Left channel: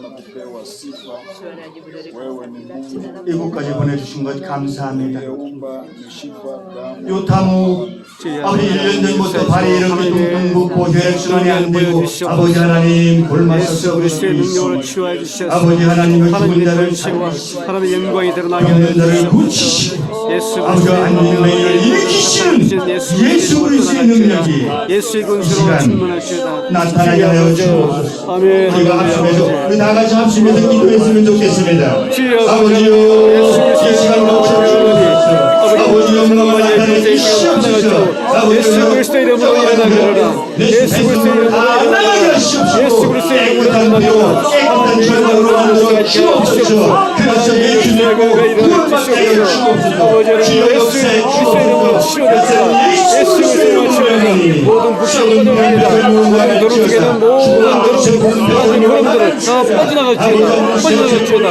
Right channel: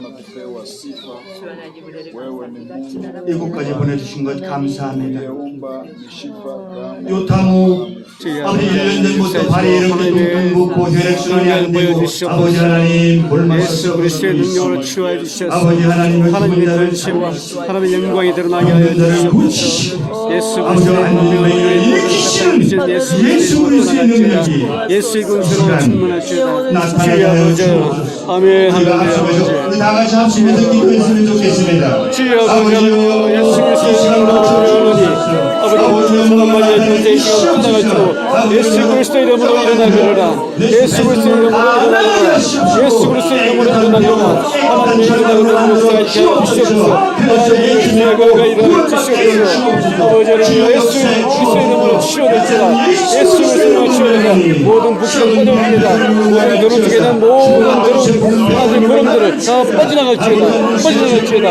na kupewa sifa. Wewe ni Mungu 이곳까지 보내주신 것 감사합니다. damu 요타무 아버지 1년 전부터 발이 이렇게 둥둥 붓고 혈액 순환이 안 되고 아버지 하나님 골마서 그리스도의 썩어지고 치유해 주셔서. 아버지 하나님은 죽은 자를 하나님의 영광이 드러나게 해주시고 고치시고 예수 아버지가 안 되는 맹인을 일으키시는 예수 그리스도의 능력이 예수의 시간 충만하시고 나타나게 하여 주옵소서 우리 다 같이 합심해서 기도했으면 좋겠습니다 주여, 아버지요 예수 이 시간 목소리 주옵소서 아버지 영광을 나타내 주시옵소서 아버지 예수 그리스도의 이름으로 일어나리라 예수 그리스도의 이름으로 예수 그리스도의 이름으로 일어나리라 깨끗한 절망으로 만들어 주옵소서 그래서 예수님의 구원하게 주옵소서 아버지를 주여 예수 역사에 치유됩니다 예수 그리스도의 이름으로 치유됩니다 모든 꺼내립니다 우리 누룩 에는 모든 그런 하나님 그런들을 다 빠져나갈지어다. 빠져나갈지어다